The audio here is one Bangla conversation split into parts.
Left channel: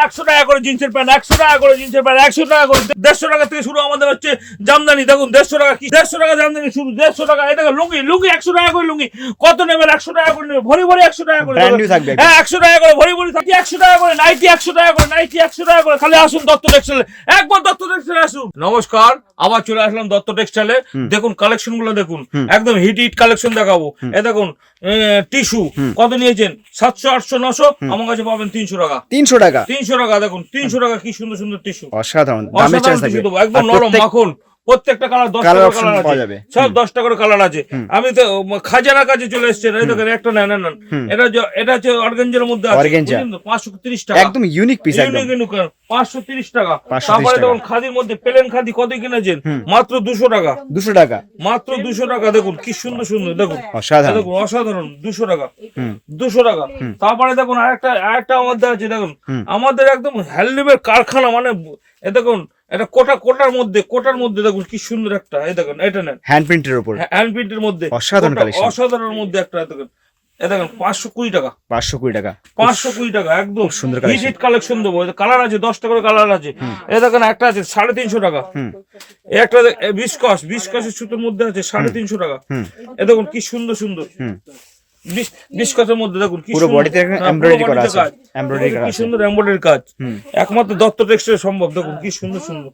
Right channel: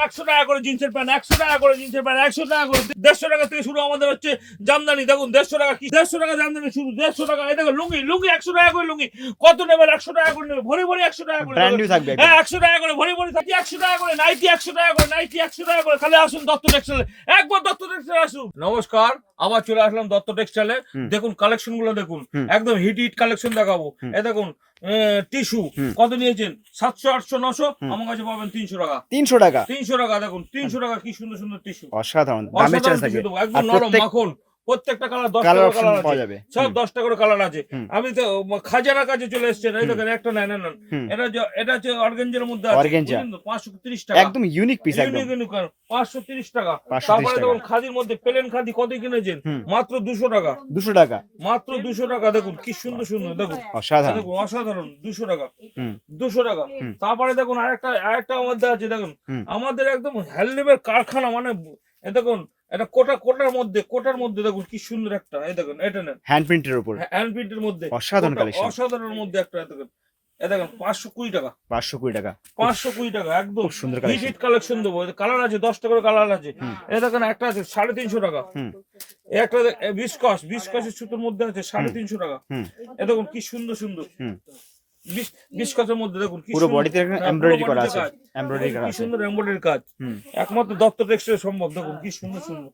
প্যান্ট 100 টাকা করে, জিন্সের প্যান্ট 100 টাকা করে, জিন্সের প্যান্ট 100 টাকা করে, 150 টাকা থেকে শুরু আমাদের হচ্ছে জামদানি। দেখুন 150 টাকা, কি 150 টাকা জামদানি শুরু, 150 টাকা। এটা লুঙ্গি, লুঙ্গি 100 টাকা করে লুঙ্গি। কত নেবেন? 100 টাকা করে নেবে, ভরি ভরি 100 টাকা করে, ব্র্যান্ড নিউ থাকবে। হ্যাঁ 100 টাকা করে ভরি ভরি থাকি, 100 টাকা করে নাইটি, 100 টাকা করে নাইটি, 100 টাকা করে। খালি আসুন দত্ত টেক্সটাইলে, একবার দত্ত টেক্সটাইলে আসুন। নমস্কার, আবার চলে আসলাম দত্ত টেক্সটাইলে। দেখুন কালেকশন গুলো দেখুন, একদম হিট হিট কালেকশন দেখাবো। এ দেখুন টিস্যু কত নিয়েছেন? 700, 800, 900, আমার কাছে পাবেন 300 টাকা। 300 টাকা, 300 টাকা। দেখুন 300 টাকা, কি সুন্দর সুন্দর টিস্যু, অসাধারণ দামের চান্স থাকবে। একদম নরম মাখন। প্রত্যেকটা কালার 10 টাকা কালার পাওয়া যাবে, সব 10 টাকা করে কালার আছে। আমি তো খাজানার কাছে চলে এসেছেন, এই দেখেন একটা নেন নেন। এটা হচ্ছে অর্গানজার মধ্যে আছে, 530 টাকা, একদম ইউনিক পিস, একদম 530 টাকা। তারপরে দেখুন খাদির মধ্যে প্লেন খাদি কত কিনেছেন? মাত্র 200 টাকা, 200 টাকা, মাত্র 200 টাকা। দেখুন কি সুন্দর সুন্দর, দেখুন অসাধারণ, দেখুন অসাধারণ, 200 টাকা, 200 টাকা। তারপরে দেখুন আরেকটা আমাদের আছে, দেখুন আমাদের একদম হ্যান্ডলুমের কারখানা, মানে এ দেখুন এটা কোটার মধ্যে দেখুন কি সুন্দর একটা, এই দেখুন এটা নেন, হ্যান্ড প্রিন্টের উপর, হ্যান্ড প্রিন্টের মধ্যে অসাধারণ কালেকশন, অসাধারণের মধ্যে একটা, দেখুন এই দেখুন 520 টাকা, 520 টাকা, 520 টাকা, একদম সুন্দর হিট কালেকশন দেবো। কালার আছে 10 টাকা করে কালার আছে। এই দেখেন একটা আছে 350 টাকা, একটা বিস্কসের সুতোর মধ্যে আছে 350 টাকা। এই দেখুন কি সুন্দর সুন্দর বিস্কসের মধ্যে, দেখুন পুরো বডিতে এমব্রয়ডারি করা আছে, এমব্রয়ডারি করা কি আছে, সুন্দর এমব্রয়ডারি কাজ, একমাত্র দত্ত টেক্সটাইল সম্ভব। দেখুন কি সুন্দর সুন্দর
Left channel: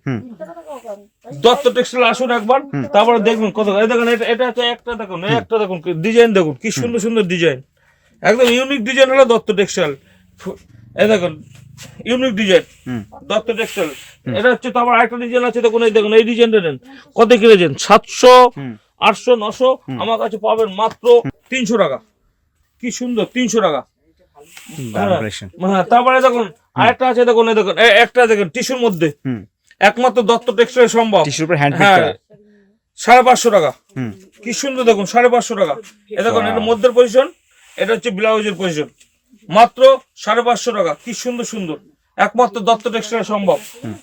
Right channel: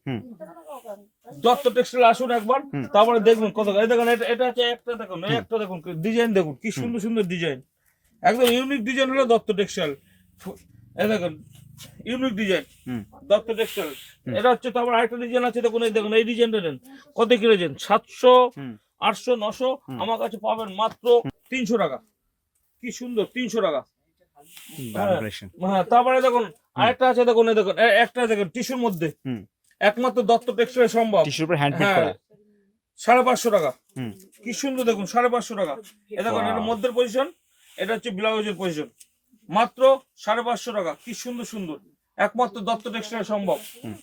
দত্ত টেক্সটাইল আসুন একবার, তারপরে দেখবেন কত। এই দেখুন এটা হচ্ছে একটা, দেখুন একটা দেখুন ডিজাইন, দেখুন কি সুন্দর সুন্দর ডিজাইন, একদম ইউনিক ডিজাইন হলো দত্ত টেক্সটাইল। এই দেখুন ইউনিক ডিজাইন দত্ত টেক্সটাইল। এটা হচ্ছে, তারপর আরেকটা ডিজাইন আছে, দেখুন এই দেখুন এই ডিজাইনটা নেন, কত কিনেছেন? 700, 800, 900, আমার কাছে পাবেন মাত্র 300 টাকা। কি সুন্দর, 300 টাকা। হ্যাঁ তারপরে দেখুন আরেকটা আছে, দেখুন এই দেখুন একটা দেখুন টিস্যুর মধ্যে, একমাত্র দত্ত টেক্সটাইল সম্ভব, টিস্যুর উপর হ্যান্ড প্রিন্ট করা, 550 টাকা। কি সুন্দর দেখুন, 550 টাকা। এই দেখুন এটা মধ্যের পজিশন, এটা হচ্ছে ব্লাউজের পজিশন, মাত্র 550 টাকা। কি সুন্দর সুন্দর, একমাত্র দত্ত টেক্সটাইল সম্ভব।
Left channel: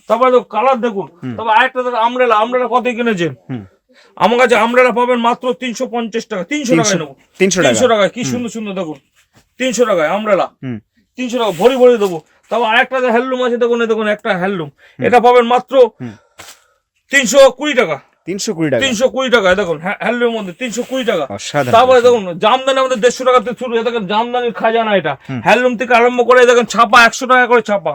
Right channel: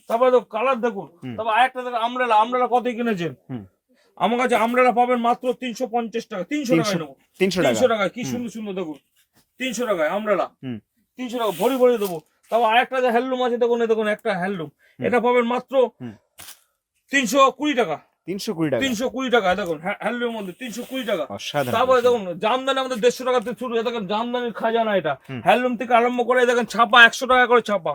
তারপরে দেখুন কালার দেখুন। তারপর আরেকটা দেখুন আমরেলা কত কিনেছেন? আমার কাছে আমরেলা পাবেন মাত্র 350 টাকা, 300 টাকায় নেবো, 300 টাকায়। কি সুন্দর সুন্দর দেখুন, 300 টাকায় আমরেলা, 300 টাকা ভরি ভরি দেবো। তারপর আরেকটা হ্যান্ডলুম আছে, দেখুন দেখুন একটা হ্যান্ডলুম, এটা পাবেন মাত্র 320 টাকা, 320 টাকা, 320 টাকা। দেখুন হ্যান্ডলুমের মধ্যে 320 টাকা। অসাধারণ। তারপরে দেখুন জামদানি আমাদের 150 টাকা থেকে শুরু, দেখেন জামদানির খাজানা। এটা হ্যান্ডলুম থেকে আরম্ভ করে দেখেন ছাপা 100 টাকা করে ছাপা,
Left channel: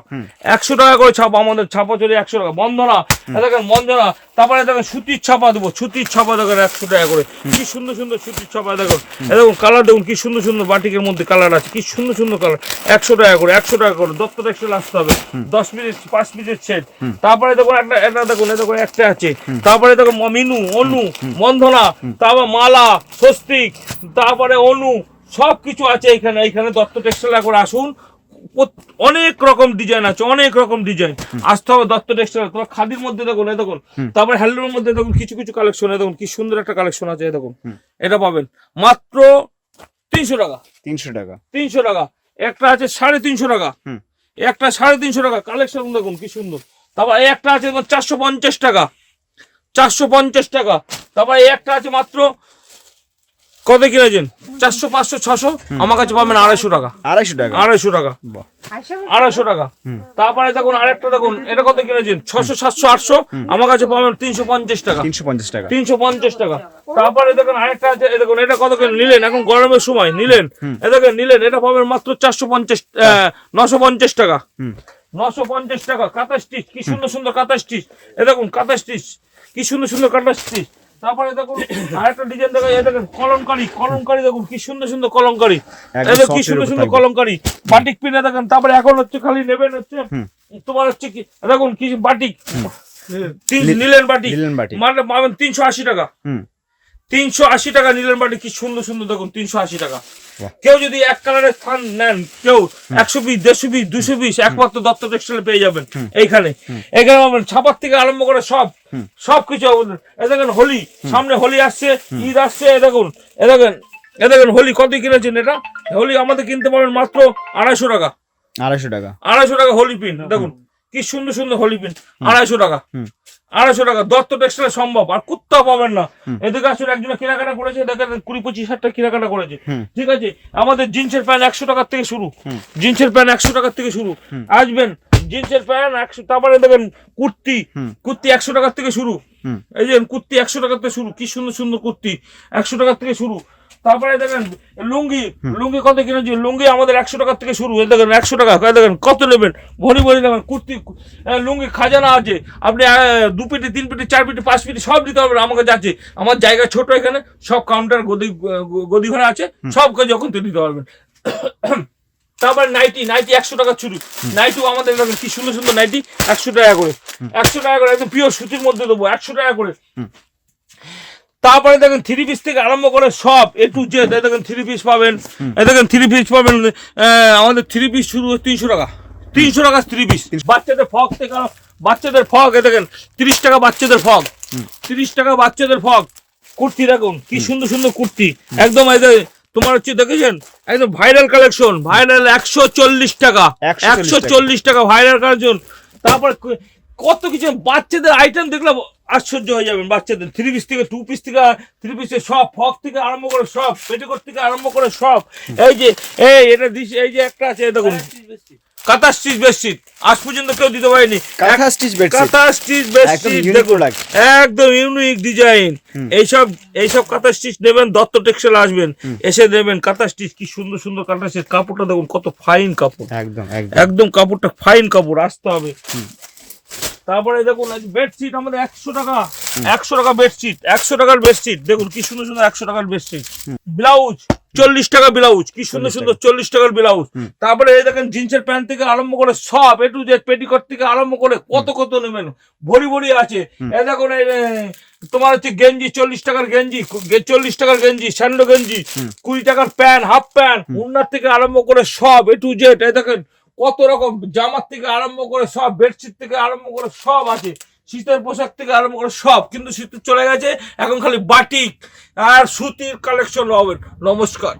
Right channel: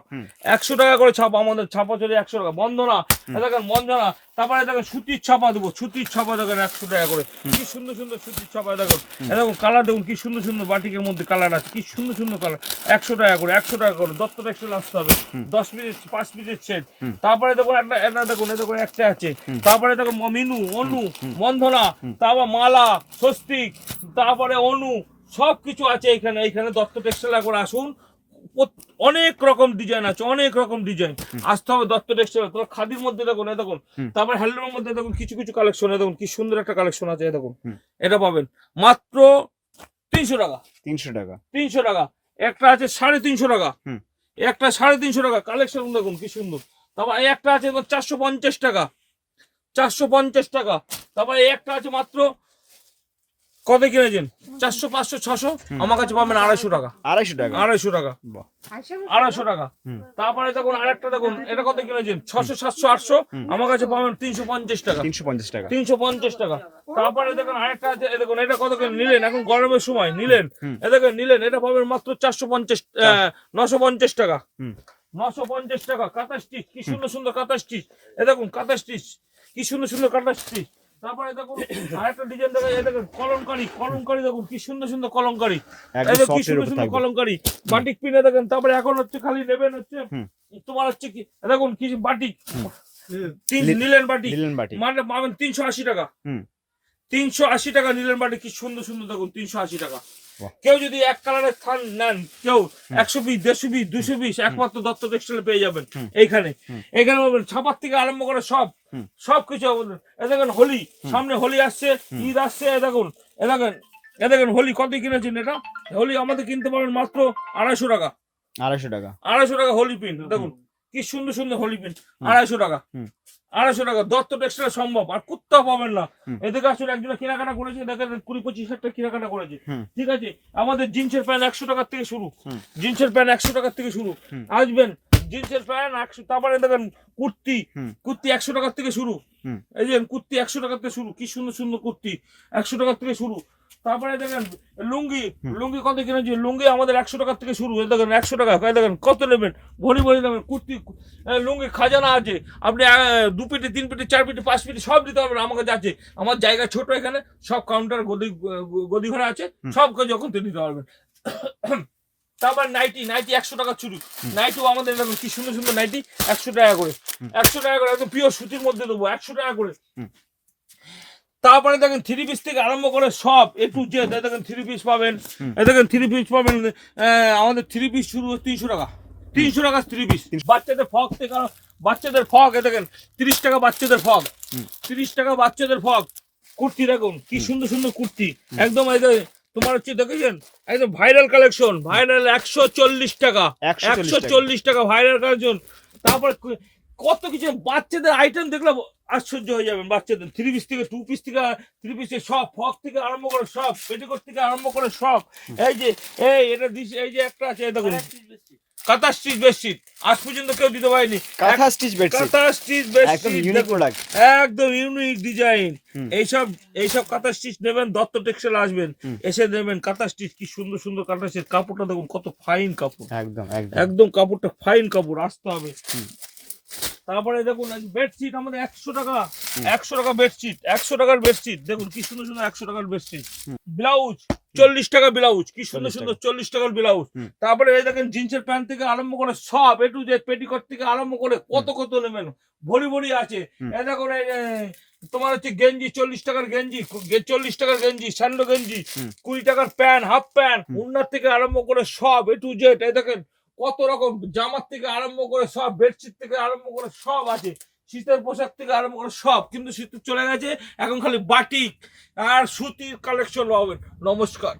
100 টাকা করে ছাপা, আমাদের ছাপা চলে 100 টাকা। বন্দনা দেখেন বন্দনা, তারপরে দেখেন সুতির ছাপা দেবো, সুতির ছাপা দেখেন 100 টাকা করে। কি সুন্দর সুন্দর সুতির ছাপা, দেখুন দেখুন কালার দেখুন কি সুন্দর সুন্দর বাটিকের মধ্যে কালার আছে, কি সুন্দর সুন্দর কালার, 100 টাকা করে, 100 টাকা করে। দত্ত টেক্সটাইল আসতে হবে, 10 পিস 5 পিসের সেট। তারপরে দেখুন একটা দেখুন দেখুন একটা আছে, তারপরে দেখুন মিনু, অনু, বন্ধনা, তারপর মালা, স্বস্তিক, তারপরে অনু, সবকিছু আছে এখানে। এইখানে দত্ত টেক্সটাইল করে আসুন, অনেক রকম ডিজাইন আছে, অনেক রকম ডিজাইন। আসতে হবে দত্ত টেক্সটাইল। তোমার খাদির মধ্যে দেখুন এই দেখুন, তারপরে হ্যান্ডলুমের মধ্যে দেখুন কিছু কিছু কালেকশন, দেখুন কি সুন্দর একটা কালেকশন আছে। দেখুন এটা পাবেন মাত্র 300 টাকা, 300 টাকা, 300 টাকা। একটা আছে 350 টাকা, একটা 350 টাকা। কালেকশন দেখুন কি সুন্দর। তারপর একটা আছে 450 টাকা, 450 টাকা। তারপর একটা আছে মাত্র কত কিনেছেন? 400, 500, 600, আমার কাছে পাবেন 250 টাকা, 250 টাকা, 250 টাকা, 250 টাকা। তারপরে দেখুন আরেকটা দেখুন, এটা কত কিনেছেন? 600, 700, 800, আমার কাছে পাবেন 350 টাকা, 350 টাকা, 350 টাকা। তারপরে দেখুন আরেকটা আছে, দেখুন এটা কত করে নিলেন? এখন গরমের সময় নিলেন, দেখেন নিলেন, এটা পাবেন মাত্র 450, 950 টাকা, 950 টাকা। কাঁথা স্টিচ, কি সুন্দর সুন্দর কাঁথা স্টিচ, এ দেখুন কাঁথা স্টিচ, কি সুন্দর সুন্দর কাঁথা স্টিচ। তারপরে দেখুন আরেকটা ডিজাইন দেখেন, এই দেখেন কলমকারি দেখুন কি সুন্দর সুন্দর কলমকারি, এই দেখুন কি সুন্দর সুন্দর কলমকারি, বাটিক পিনে দেখেন। তারপরে এখন হচ্ছে খালি নেবেন হচ্ছে তোমার হচ্ছে কি, দেখুন কি বাটিক নিলেন বাটিক, মানে পাবেন 380 টাকা, 380 টাকা নিলেন বাটি। কি সুন্দর সুন্দর দেখুন 380 টাকা। কেউ যদি এক কালারের থান নেন, কেউ 100 পিস, 150 পিস, 200 পিস, একমাত্র দত্ত টেক্সটাইল পেয়ে যাবেন এইখানে। এখানে পাবেন ছাপার থেকে আরম্ভ করে সবকিছু। দেখেন হোলি, সামনে হোলি আসছে, ঈদ আসছে। দেখেন হোলি কত কিনেছেন? এটা হোলি আমাদের কিনতে পারবেন মাত্র 250 টাকা, 250 টাকা, 250 টাকা হোলি পিন। দেখুন কি সুন্দর সুন্দর হোলি পিন, 250 টাকা, 250 টাকা। দত্ত টেক্সটাইল সম্ভব, আর কোথাও পাবেন না। এদিকে আসলে একজন কেনাকাটা করেছে, দেখেন 20-25 হাজার টাকা কেনাকাটা করেছে, ঠিক আছে। আমাদের জিন্সের প্যান্ট 100 টাকার থেকে শুরু, জিন্সের প্যান্ট 100 টাকার থেকে শুরু। আসবেন জিন্সের প্যান্ট 100, তারপরে দেখেন কুর্তি, কুর্তি 100 টাকার থেকে শুরু। এই যে কুর্তি 100 টাকার থেকে শুরু, কি সুন্দর সুন্দর কুর্তি 100 টাকার থেকে শুরু। তারপরে দেখেন লুঙ্গি, লুঙ্গি কত কিনেছি, লুঙ্গি আমাদের 100 টাকার থেকে শুরু। এই দেখেন 100 টাকা, দেখেন কত নেবেন, ভরি ভরি নেবেন কুর্তি। লুঙ্গি খাজানা আছে, আপনি 2 পেটি 3 পেটি 4 পেটি 5 পেটি সব দিতে পারবেন। আমার কাছে আছে, আমার জায়গা ছোট, এখানে সব কাউন্টার গদি ঘরে আছে, সব কাজ যখন তো দিতে পারবেন। তারপরে নাইটি, নাইটি 100 টাকা শুরু। নাইটিও আমাদের দেখেন কি সুন্দর সুন্দর নাইটি 100 টাকা করে, 100 টাকা করে, একদম পিওর সুতির মধ্যে দেবো 100 টাকা করে। তারপরে দেখেন 3 পিস থেকে আরম্ভ করে সব A to Z, দেখেন 3 পিস পাবেন, দেখেন 3 পিস পাবেন। আমাদের 3 পিস শুরু 300 টাকা, 300 টাকা 3 পিস। বাচ্চাদের ফক থেকে, বাচ্চাদের ফক, দেখেন 30 টাকা বাচ্চাদের ফক, 30 টাকা বাচ্চাদের ফক। কুর্তি দেখুন কি সুন্দর সুন্দর কুর্তি, একদম তোমার হচ্ছে দেখেছেন একদম ভাইরাল কালেকশন, ভাইরাল 140 টাকা, 140 টাকা ভাইরাল কালেকশন। তারপর কত কিছু বাচ্চাদের আইটেম দেখলে আশ্চর্য হয়ে যাবেন। বাচ্চাদের 3 পিস থেকে 2 পিস থেকে 3 পিসের সব, ফক থেকে আরম্ভ করে সব, পেটিকোট থেকে আরম্ভ করে সব। এই যে এটা দিস, এই যে একটা আছে দেখুন কাঁথা স্টিচ বেডশিট, আজ পর্যন্ত কেউ দিতে পারেনি। কাঁথা স্টিচ বেডশিট, কাঁথা স্টিচ একদম বেডশিট ইউনিক প্রোডাক্ট, একদম ইউনিক ডিজাইন। এইসব কাঁথা স্টিচ নেবেন, দত্ত টেক্সটাইল আসবেন, এসে নেবেন কাঁথা স্টিচ। কি সুন্দর সুন্দর কাঁথা স্টিচ, কাপড়টা দেখুন কত ফাইন কাপড়, একদম একদম কাপড়টা ফাইন কাপড়, আসতে হবে। তারপরে দেখুন বেডশিট আমাদের 100 টাকা, 100 টাকা বেডশিট, 100 টাকার বেডশিট দেখুন কি সুন্দর সুন্দর 100 টাকার বেডশিট। ব্লাউজ 40 টাকা ব্লাউজ, কি সুন্দর সুন্দর 40 টাকার ব্লাউজ। তারপরে এই দেখেন জিন্সের প্যান্ট থেকে আরম্ভ করে সব A to Z, পেটিকোট থেকে আরম্ভ করে কত কত নেবেন, ভরি ভরি আছে। এই দেখুন তোমার হচ্ছে গেঞ্জি 40 টাকার গেঞ্জি, 40 টাকার গেঞ্জি, স্যান্ডো গেঞ্জি, 20 টাকার প্যান্ট, হাফ প্যান্ট, উন্নার থেকে আরম্ভ করে সব A to Z। এই দেখেন কত রকম জামার থেকে আরম্ভ করে সব, বেডশিট থেকে আরম্ভ করে সব আছে, শীতের পোশাক থেকে আরম্ভ করে সব। কিন্তু শীত চলে গেছে, এখন খালি বাটিক আর সুতির কালেকশন হবে। নমস্কার।